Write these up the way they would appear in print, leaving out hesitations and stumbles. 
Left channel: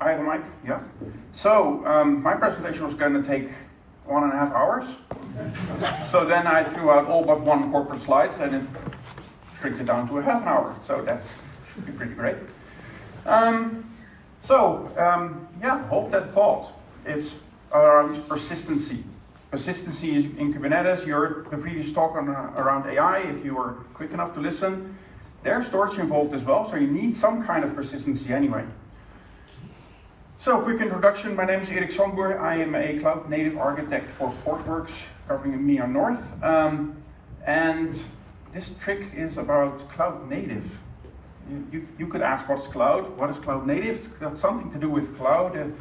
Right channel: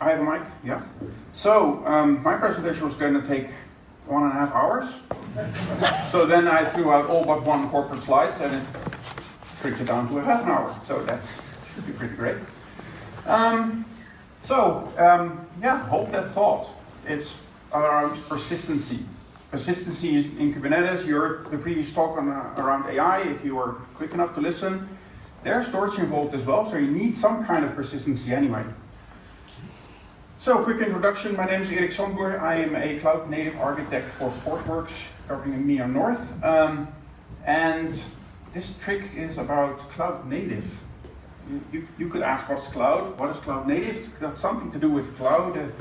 I have a mic, yeah. So, my presentation was going to take 1.5 hours. So then I threw out all but one corporate slides and it trimmed it down to half an hour. So that's pretty great. Yeah, hold that thought. It's around persistency. Persistency is in Kubernetes. You heard the previous talk on, around AI, if you were quick enough to listen. There's storage involved as well, so you need some kind of persistency anyway. So, quick introduction. My name is Erik Sandboer. I am a cloud native architect for Portworx, covering EMEA North. And this trick is about cloud native. You could ask, what's cloud? What is cloud native? It's got something to do with cloud.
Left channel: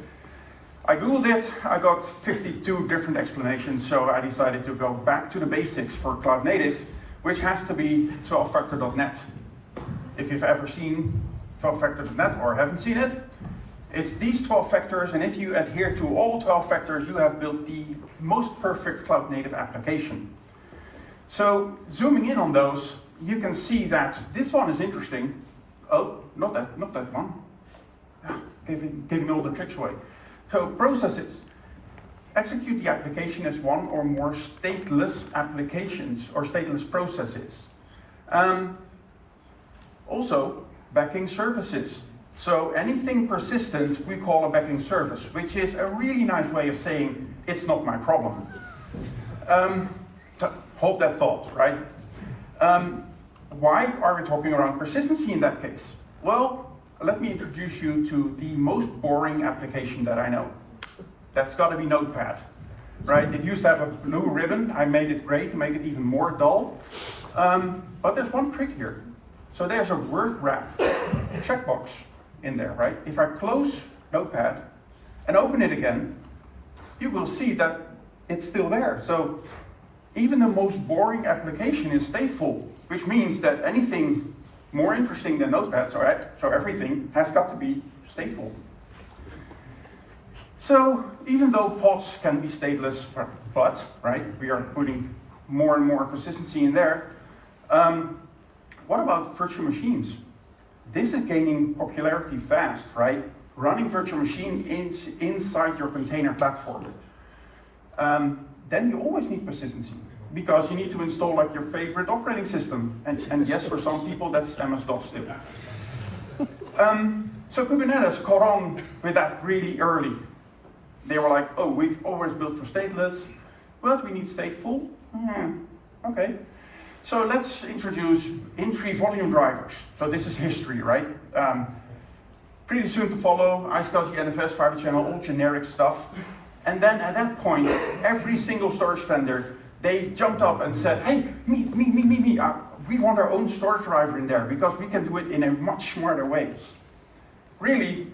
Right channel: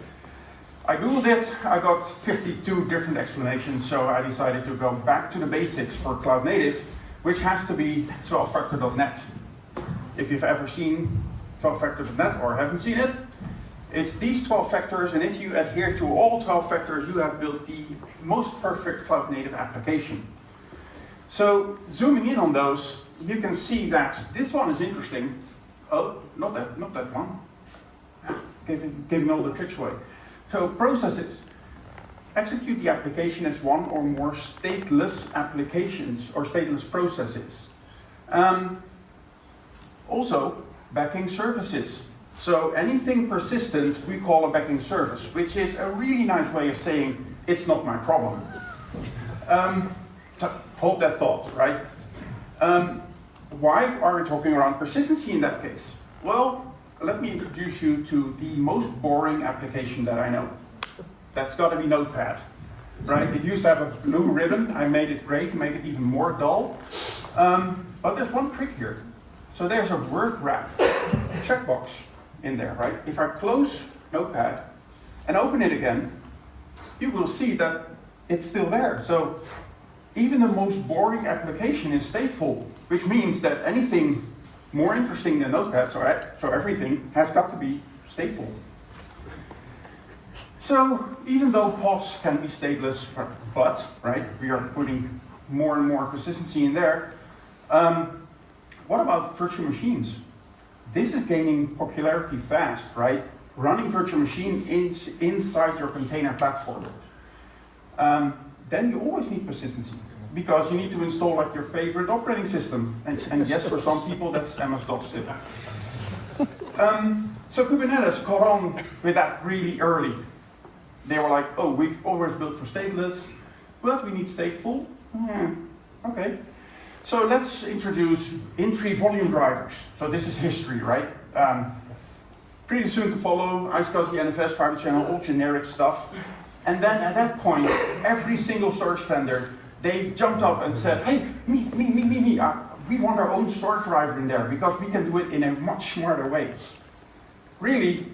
I googled it, I got 52 different explanations, so I decided to go back to the basics for cloud native, which has to be 12factor.net. If you've ever seen 12factor.net or haven't seen it, it's these 12 factors, and if you adhere to all 12 factors, you have built the most perfect cloud native application. So, zooming in on those, you can see that this one is interesting. Oh, not that one. Giving all the tricks away. So, processes. Execute the application as one or more stateless applications or stateless processes. Also, backing services. So anything persistent we call a backing service, which is a really nice way of saying it's not my problem. So hold that thought, right? Why are we talking around persistency in that case? Well, let me introduce you to the most boring application that I know. That's got to be Notepad, right? It used to have a blue ribbon. I made it gray to make it even more dull. But there's one trick here. So there's a word wrap checkbox in there, right? If I close Notepad and open it again, you will see that it's still there. So even the most boring application is stateful, which means that anything more interesting than Notepad, so everything has got to be stateful. So even though pods can be stateless, but, right, we are putting more and more persistency in there, what about virtual machines? This is gaining popularity fast, right? Running virtual machine inside your container platform. Then you always need persistency because you need to install like your favorite operating system. And yes, for some people that's MS-DOS still. So Kubernetes caught on with that really early. They were like, oh, we've always built for stateless, but we need stateful. Okay. So let's introduce in-tree volume drivers. So this is history, right? Pretty soon to follow, iSCSI, NFS, Fiber Channel, all generic stuff. And then at that point, every single storage vendor, they jumped up and said, hey, me. We want our own storage driver in there because we can do it in a much smarter way. Really,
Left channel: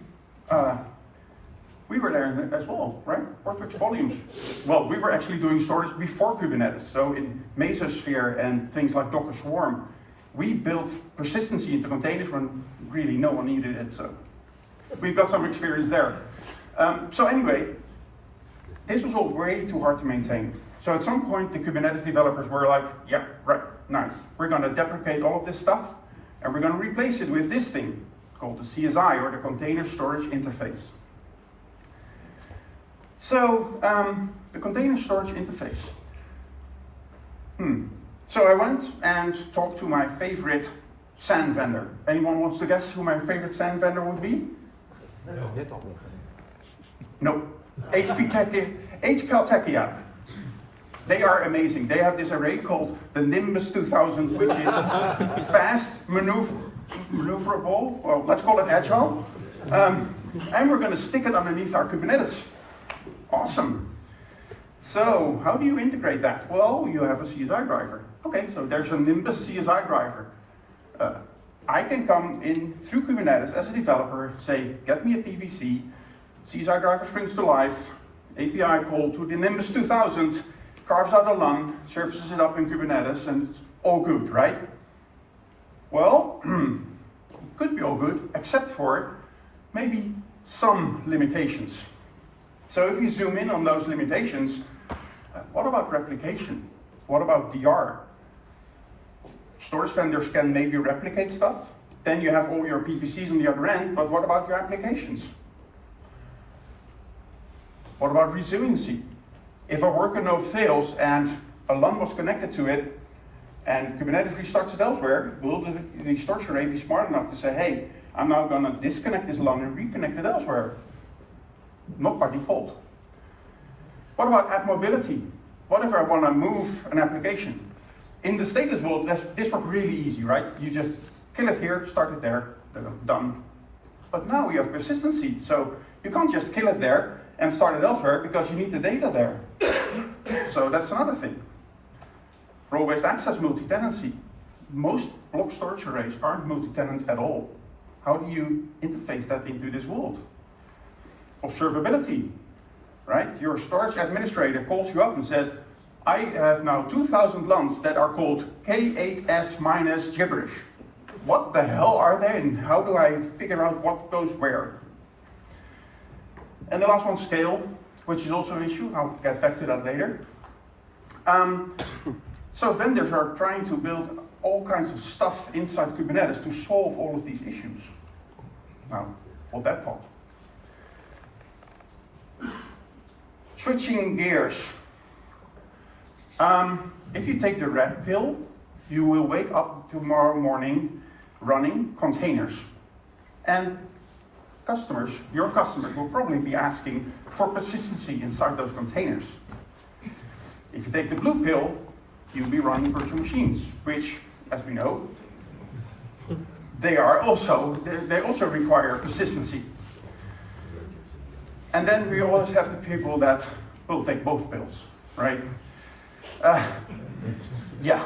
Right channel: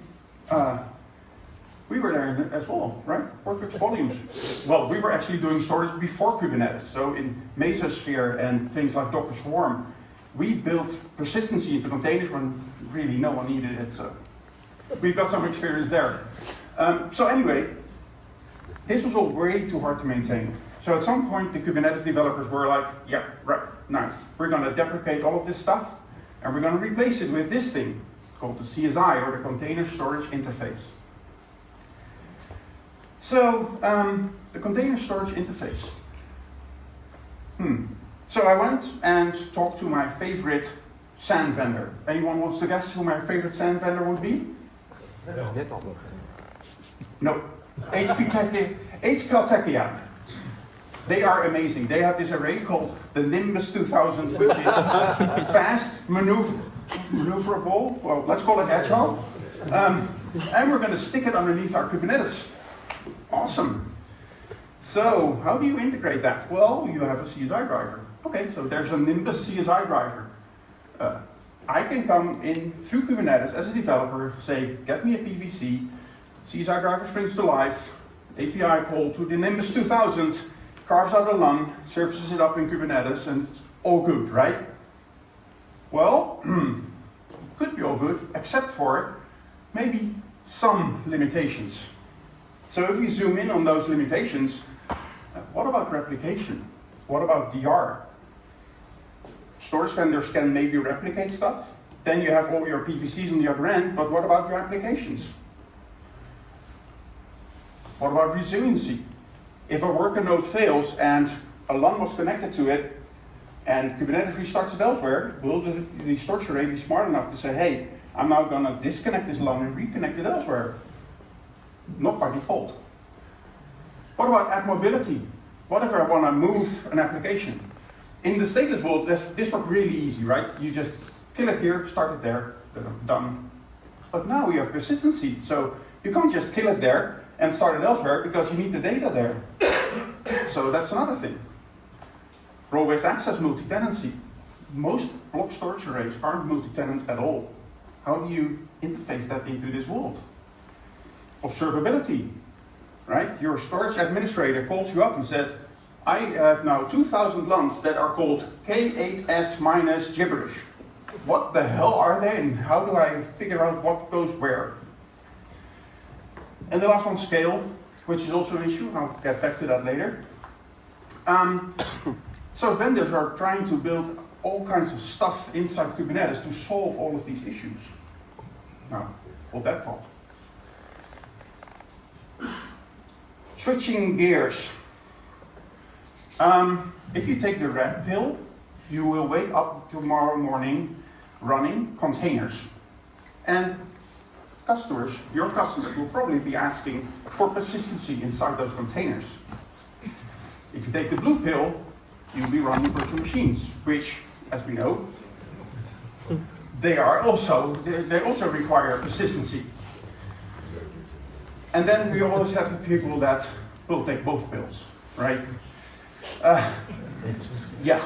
we were there as well, right? Portworx volumes. Well, we were actually doing storage before Kubernetes. So in Mesosphere and things like Docker Swarm, we built persistency into containers when really no one needed it. So we've got some experience there. So anyway, this was all way too hard to maintain. So at some point, the Kubernetes developers were like, yeah, right, nice. We're going to deprecate all of this stuff, and we're going to replace it with this thing called the CSI, or the Container Storage Interface. So, the container storage interface. So I went and talked to my favorite SAN vendor. Anyone wants to guess who my favorite SAN vendor would be? No. HP Tachia. They are amazing. They have this array called the Nimbus 2000, which is fast, maneuverable, well, let's call it agile. And we're going to stick it underneath our Kubernetes. Awesome. So, how do you integrate that? Well, you have a CSI driver. Okay, so there's a Nimbus CSI driver. I can come in through Kubernetes as a developer, say, get me a PVC, CSI driver springs to life, API call to the Nimbus 2000, carves out a lung, surfaces it up in Kubernetes, and it's all good, right? Well, could be all good, except for maybe some limitations. So if you zoom in on those limitations, what about replication? What about DR? Storage vendors can maybe replicate stuff. Then you have all your PVCs on the other end, but what about your applications? What about resiliency? If a worker node fails and a LUN was connected to it, and Kubernetes restarts it elsewhere, will the storage array be smart enough to say, hey, I'm now going to disconnect this LUN and reconnect it elsewhere? Not by default. What about app mobility? What if I want to move an application? In the stateless world, this worked really easy, right? You just kill it here, start it there, done. But now we have persistency, so you can't just kill it there and start it elsewhere because you need the data there. So that's another thing. Role-based access multi-tenancy. Most block storage arrays aren't multi-tenant at all. How do you interface that into this world? Observability, right? Your storage administrator calls you up and says, I have now 2,000 LUNs that are called K8S minus gibberish. What the hell are they and how do I figure out what goes where? And the last one, scale, which is also an issue. I'll get back to that later. So vendors are trying to build all kinds of stuff inside Kubernetes to solve all of these issues. Now, hold that thought. Switching gears. If you take the red pill, you will wake up tomorrow morning running containers. And customers, your customers, will probably be asking for persistency inside those containers. If you take the blue pill, you'll be running virtual machines, which, as we know, they also require persistency. And then we always have the people that will take both pills, right? Yeah.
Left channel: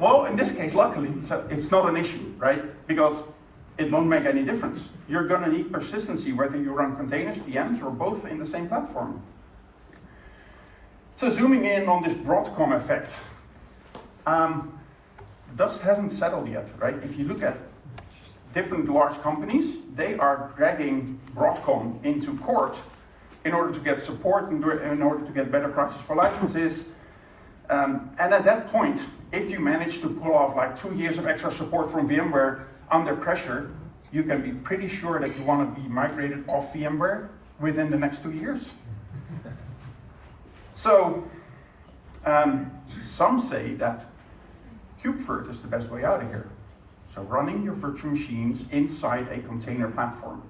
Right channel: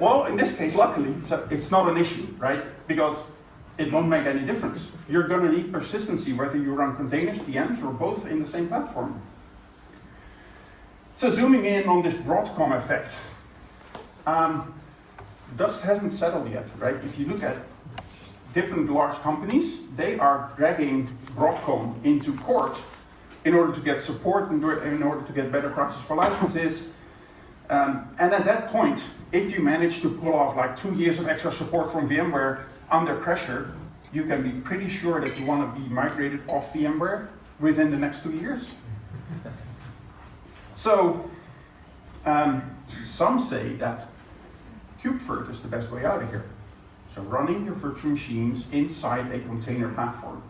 Well, in this case, luckily, it's not an issue, right? Because it won't make any difference. You're going to need persistency whether you run containers, VMs, or both in the same platform. So zooming in on this Broadcom effect, dust hasn't settled yet, right? If you look at different large companies, they are dragging Broadcom into court in order to get support, in order to get better prices for licenses. And at that point, if you manage to pull off like 2 years of extra support from VMware under pressure, you can be pretty sure that you want to be migrated off VMware within the next 2 years. So, some say that KubeVirt is the best way out of here. So running your virtual machines inside a container platform.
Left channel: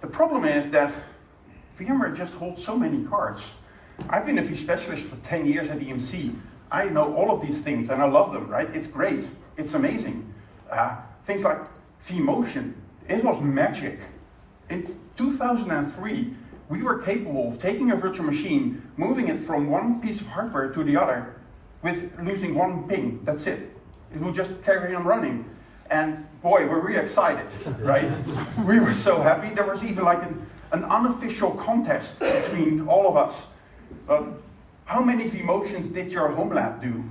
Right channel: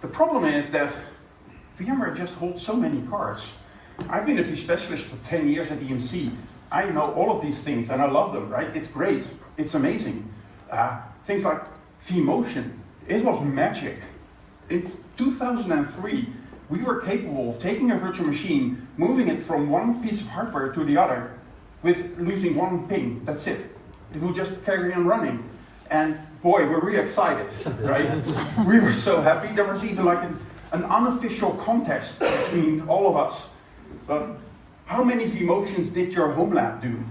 The problem is that VMware just holds so many cards. I've been a V specialist for 10 years at EMC. I know all of these things and I love them, right? It's great, it's amazing. Things like vMotion, it was magic. In 2003, we were capable of taking a virtual machine, moving it from one piece of hardware to the other with losing one ping, that's it. It would just carry on running. And boy, were we excited, right? We were so happy. There was even like an unofficial contest between all of us. How many vMotions did your home lab do?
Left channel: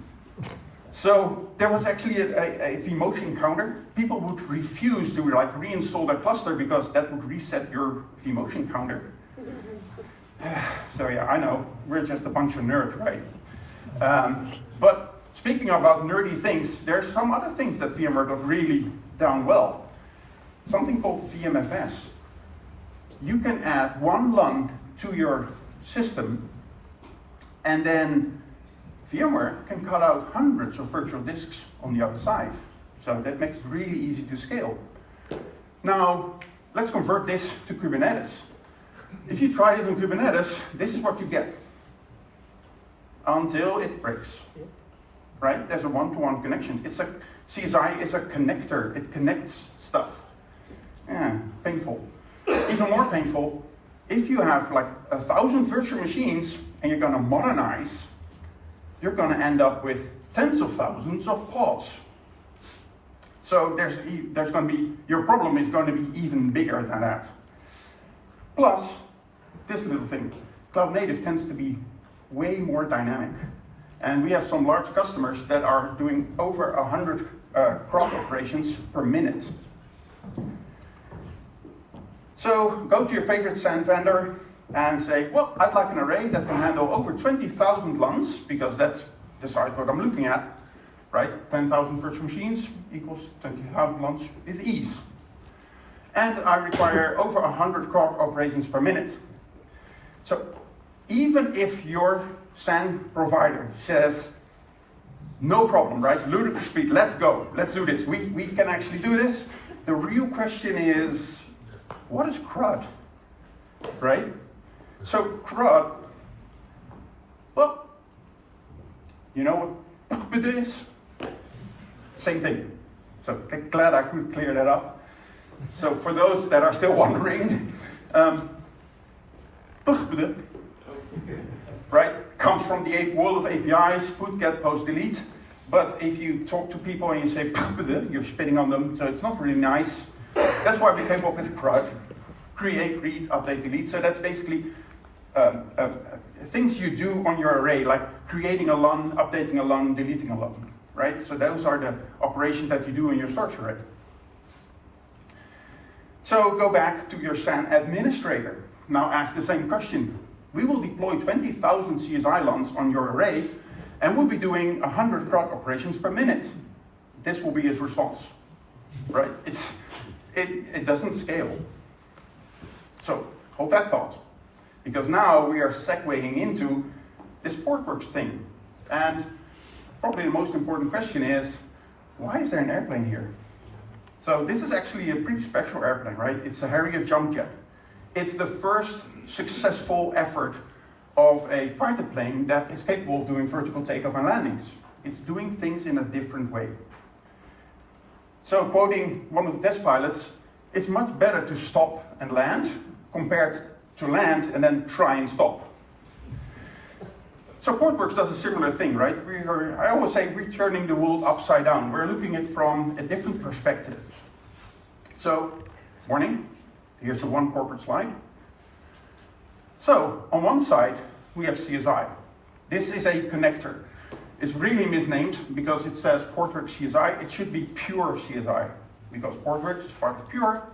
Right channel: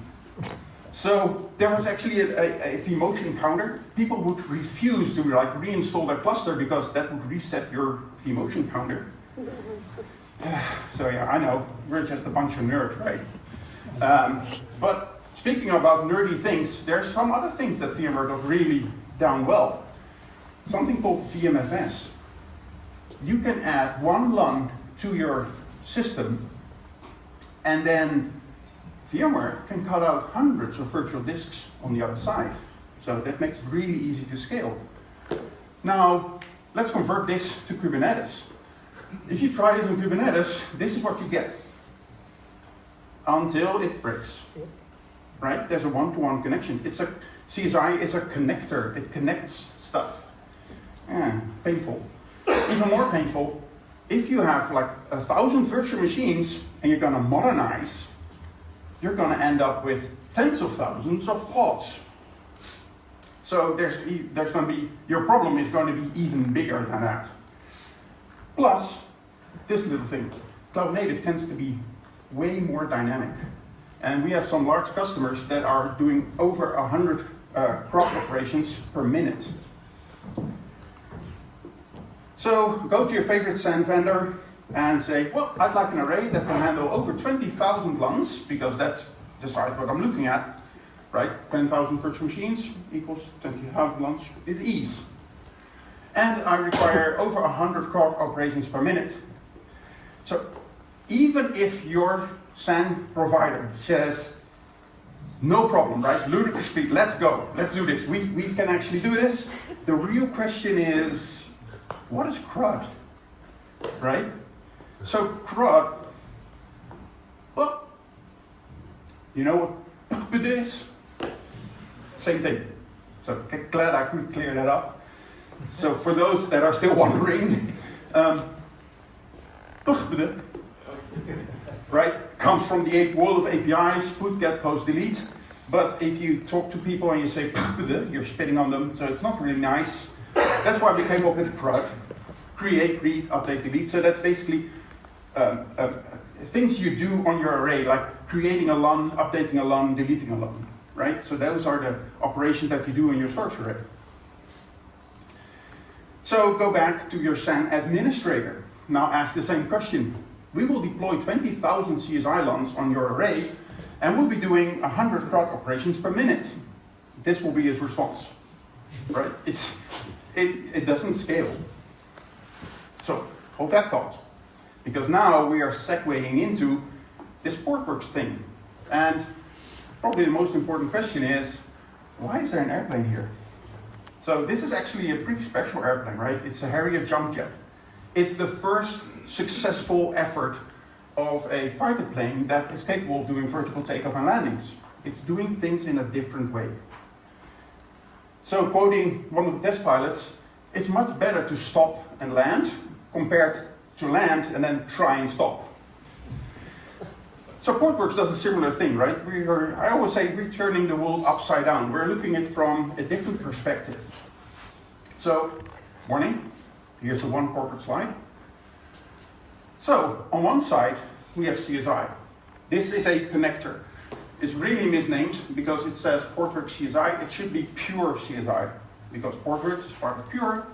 So there was actually a vMotion counter. People would refuse to reinstall their cluster because that would reset your vMotion counter. So yeah, I know, we're just a bunch of nerds, right? But speaking about nerdy things, there's some other things that VMware got really done well. Something called VMFS. You can add one LUN to your system, and then VMware can cut out hundreds of virtual disks on the other side. So that makes it really easy to scale. Now, let's convert this to Kubernetes. If you try this in Kubernetes, this is what you get. Until it breaks, right? There's a one-to-one connection. CSI is a connector. It connects stuff. Yeah, painful. Even more painful, if you have like 1,000 virtual machines and you're going to modernize, you're going to end up with tens of thousands of pods. So there's going to be, your problem is going to be even bigger than that. Plus, this little thing, cloud native tends to be way more dynamic. And we have some large customers that are doing over 100 crop operations per minute. So go to your favorite SAN vendor and say, well, I'd like an array that can handle over 20,000 LUNs, because that's the size what I'm looking at, right? 10,000 virtual machines equals 20,000 LUNs with ease. And I require over 100 crop operations per minute. So even if your SAN provider says, no problem, right? Ludicrous speed, let's go, let's do this. We can actually do this. The real question is, what is CRUD, right? So CRUD, well, you know what PUD is? Same thing. So glad I could clear that up. So for those that are still wondering, right, comes from the world of APIs, put, get, post, delete. But if you talk to people and you say, you're spitting on them, so it's not really nice. That's why we came up with CRUD. Create, read, update, delete. So that's basically things you do on your array, like creating a LUN, updating a LUN, deleting a LUN, right? So those are the operations that you do in your storage array. So go back to your SAN administrator. Now ask the same question. We will deploy 20,000 CSI LUNs on your array, and we'll be doing 100 CRUD operations per minute. This will be his response, right? It doesn't scale. So hold that thought, because now we are segueing into this Portworx thing. And probably the most important question is, why is there an airplane here? So this is actually a pretty special airplane, right? It's a Harrier jump jet. It's the first successful effort of a fighter plane that is capable of doing vertical takeoff and landings. It's doing things in a different way. So quoting one of the test pilots, it's much better to stop and land compared to land and then try and stop. So Portworx does a similar thing, right? I always say we're turning the world upside down. We're looking at it from a different perspective. So, morning, here's the one Portworx slide. So, on one side, we have CSI. This is a connector. It's really misnamed because it says Portworx CSI. It should be pure CSI because Portworx is part of Pure.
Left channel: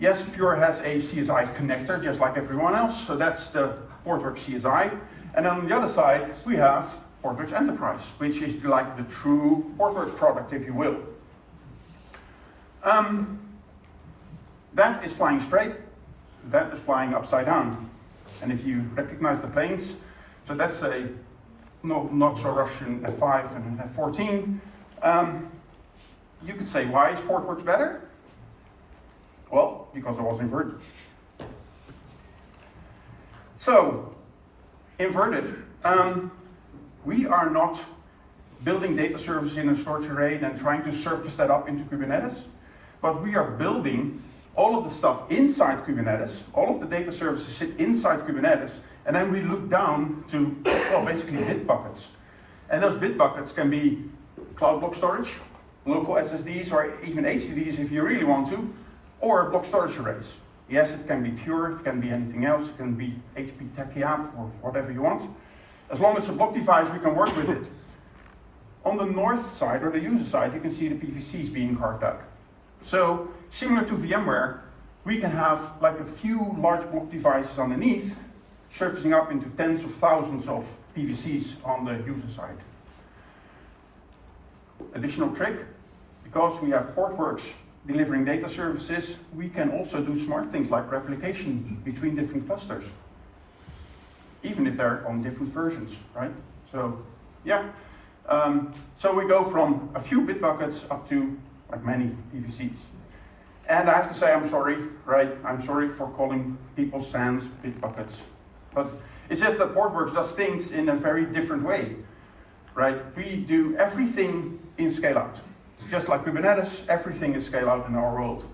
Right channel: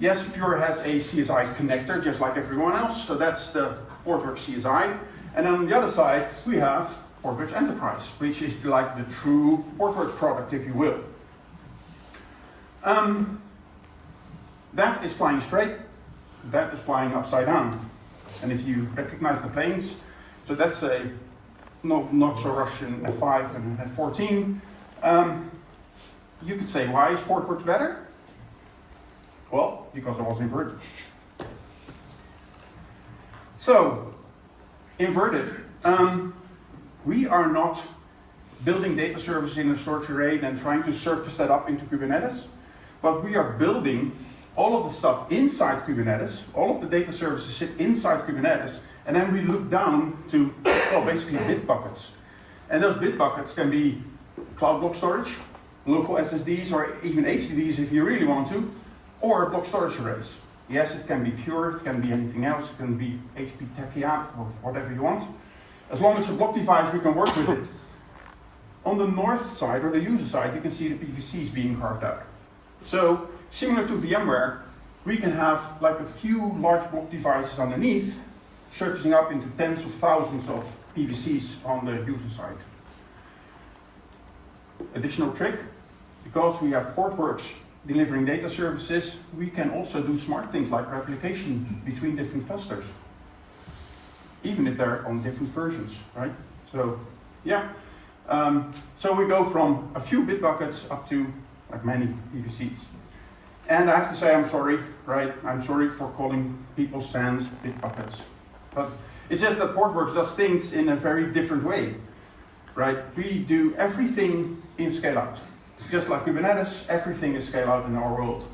Yes, Pure has a CSI connector just like everyone else, so that's the Portworx CSI. And then on the other side, we have Portworx Enterprise, which is like the true Portworx product, if you will. That is flying straight, that is flying upside down. And if you recognize the planes, so that's a not so Russian F5 and F14. You could say, why is Portworx better? Well, because it was inverted. So, inverted. We are not building data services in a storage array and trying to surface that up into Kubernetes, but we are building all of the stuff inside Kubernetes. All of the data services sit inside Kubernetes, and then we look down to, well, basically bit buckets. And those bit buckets can be cloud block storage, local SSDs, or even HDDs if you really want to, or block storage arrays. Yes, it can be Pure, it can be anything else, it can be HP Techie app or whatever you want. As long as it's a block device, we can work with it. On the north side, or the user side, you can see the PVCs being carved out. So, similar to VMware, we can have like a few large block devices underneath, surfacing up into tens of thousands of PVCs on the user side. Additional trick, because we have Portworx delivering data services, we can also do smart things like replication between different clusters, even if they're on different versions, right? So, yeah. So we go from a few bit buckets up to like many PVCs. And I have to say I'm sorry, right? I'm sorry for calling people SANs bit buckets. But it's just that Portworx does things in a very different way, right? We do everything in scale out. Just like Kubernetes, everything is scale out in our world.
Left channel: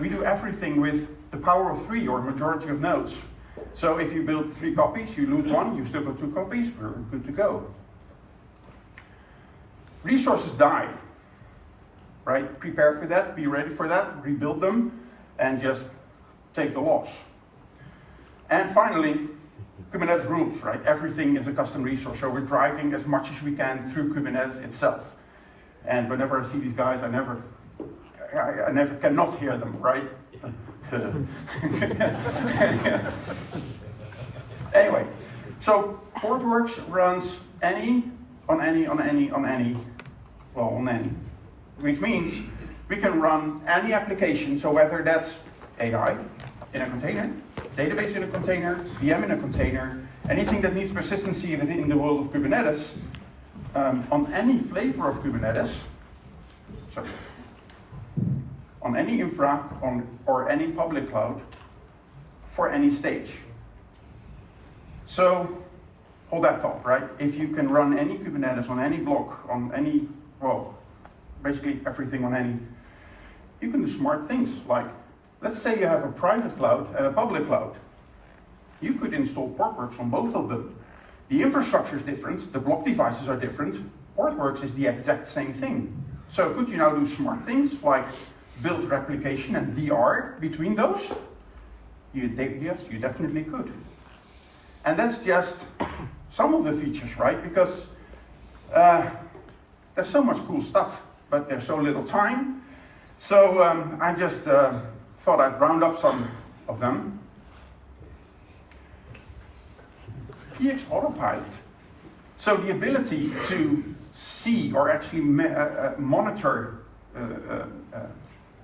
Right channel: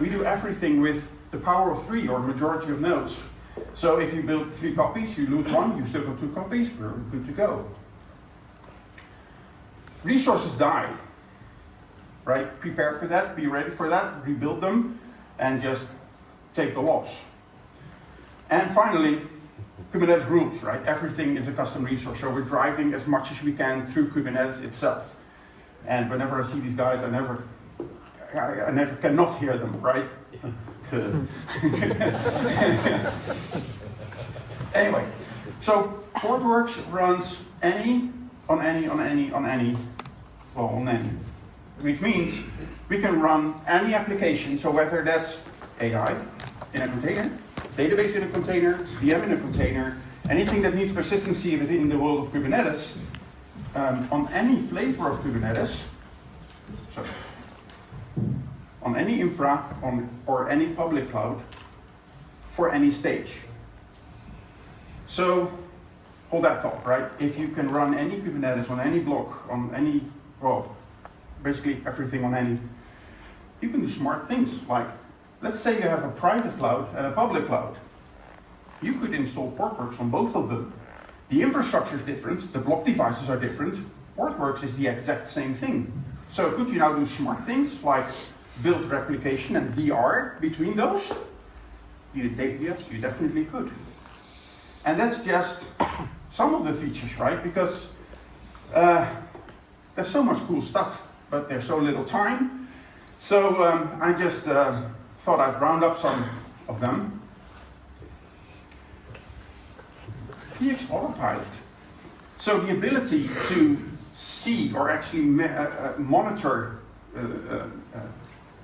We do everything with the power of 3 or majority of nodes. So if you build 3 copies, you lose 1, you still got 2 copies, we're good to go. Resources die, right? Prepare for that, be ready for that, rebuild them, and just take the loss. And finally, Kubernetes rules, right? Everything is a custom resource, so we're driving as much as we can through Kubernetes itself. And whenever I see these guys, I never cannot hear them, right? Anyway, so Portworx runs on any, which means we can run any application, so whether that's AI in a container, database in a container, VM in a container, anything that needs persistency within the world of Kubernetes, on any flavor of Kubernetes, sorry, on any infra, or any public cloud, for any stage. So, hold that thought, right? If you can run any Kubernetes on any block, on any, well, basically everything on any, you can do smart things. Like, let's say you have a private cloud and a public cloud. You could install Portworx on both of them. The infrastructure is different, the block devices are different. Portworx is the exact same thing. So could you now do smart things like build replication and VR between those? Yes, you definitely could. And that's just some of the features, right? Because there's so much cool stuff, but there's so little time. So I just thought I'd round up some of them. Here's Autopilot. So the ability to see or actually monitor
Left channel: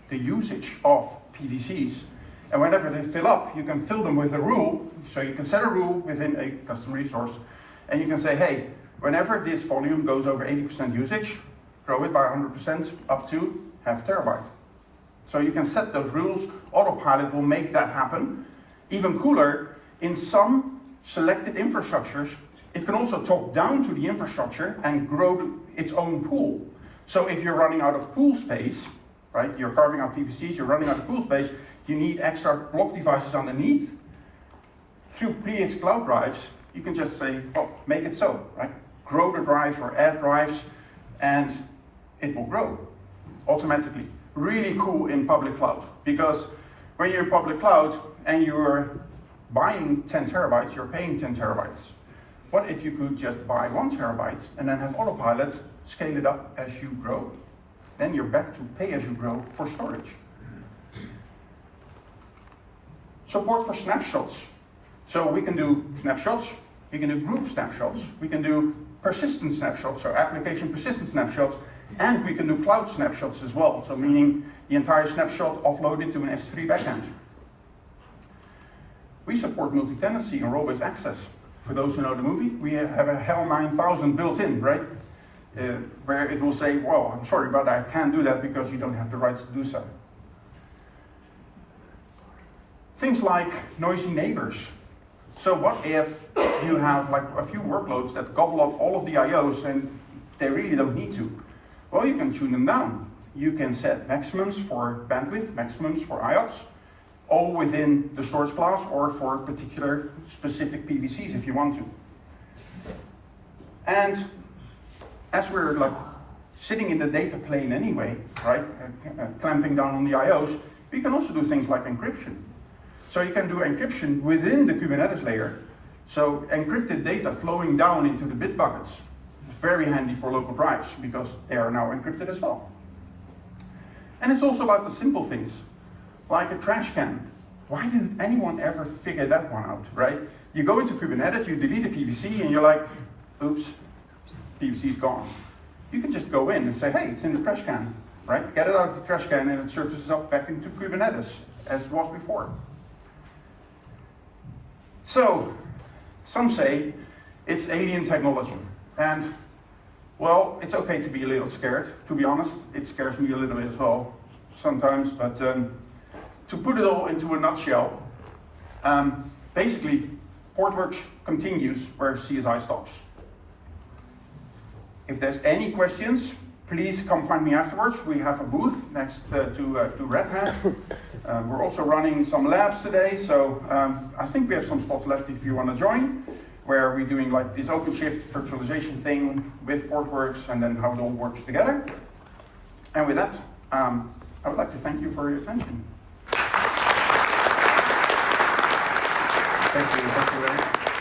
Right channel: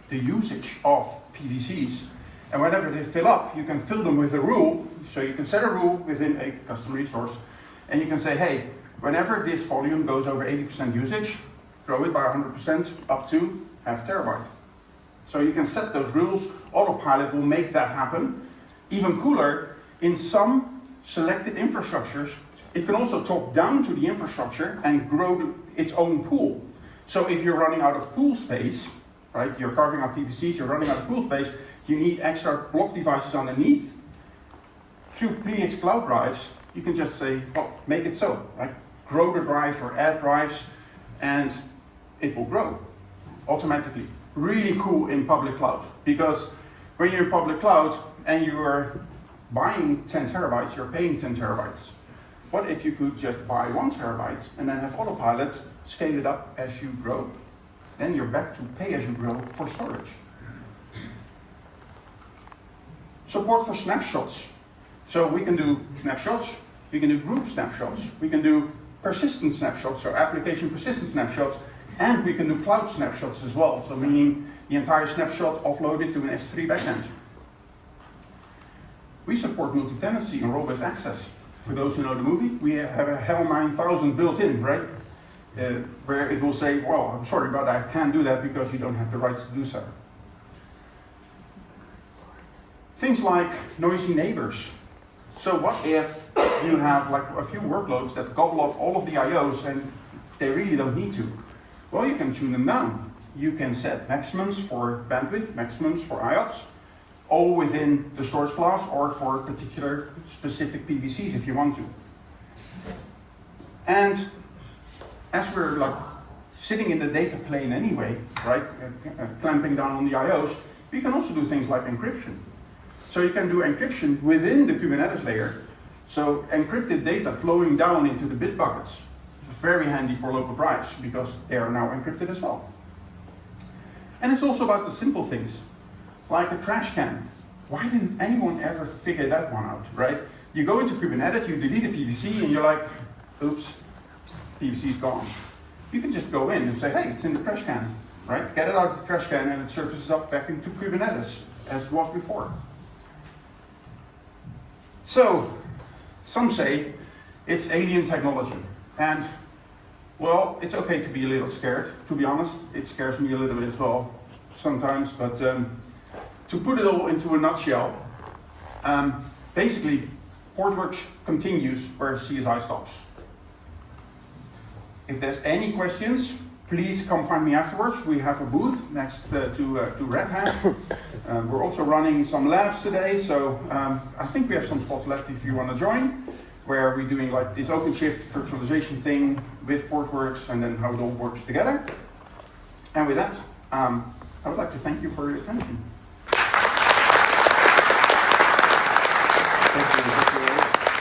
the usage of PVCs, and whenever they fill up, you can fill them with a rule. So you can set a rule within a custom resource, and you can say, hey, whenever this volume goes over 80% usage, grow it by 100% up to half terabyte. So you can set those rules. Autopilot will make that happen. Even cooler, in some selected infrastructures, it can also talk down to the infrastructure and grow its own pool. So if you're running out of pool space, right, you're carving out PVCs, you're running out of pool space, you need extra block devices underneath. Through PX Cloud drives, you can just say, oh, make it so, right? Grow the drives or add drives, and it will grow automatically. Really cool in public cloud, because when you're in public cloud and you're buying 10 terabytes, you're paying 10 terabytes. What if you could just buy 1 terabyte and then have Autopilot scale it up as you grow? Then you're back to pay as you grow for storage. Support for snapshots. So we can do snapshots, we can do group snapshots, we can do persistent snapshots, so application persistent snapshots, and we can do cloud snapshots as well. So meaning the entire snapshot offloaded to an S3 backend. We support multi-tenancy and role-based access. For those who know the movie, we have a HAL 9000 built in, right? Where it will say, well, I'm sorry, but I can't do that because you don't have the rights to do so. Things like noisy neighbors. So what if you have like a few workloads that gobble up all of the IOs and they really don't need to? Well, you can tune them down. You can set maximums for bandwidth, maximums for IOPS, all within the source class or for particular specific PVCs if you want to. And as we're like sitting in the data plane anyway, right, clamping down on the IOs, you can also do things like encryption. So you can do encryption within the Kubernetes layer. So encrypted data flowing down into the bit buckets. It's very handy for local drives because they are now encrypted as well. And it's also about the simple things, like a trash can. Why didn't anyone ever figure that one out, right? You go into Kubernetes, you delete a PVC, and you're like, oops, PVC is gone. You can just go in and say, hey, it's in the trash can, right? Get it out of the trash can and it surfaces up back into Kubernetes as it was before. So, some say it's alien technology. And, well, it's okay to be a little scared. To be honest, it scares me a little bit as well sometimes. But to put it all into a nutshell, basically, Portworx continues where CSI stops. If there's any questions, please come find me afterwards. We have a booth next to Red Hat. We're also running some labs today, so I think we have some spots left if you want to join, where we're doing like this OpenShift virtualization thing with Portworx and then how it all works together. And with that, I would like to thank you for your attention. Thank you.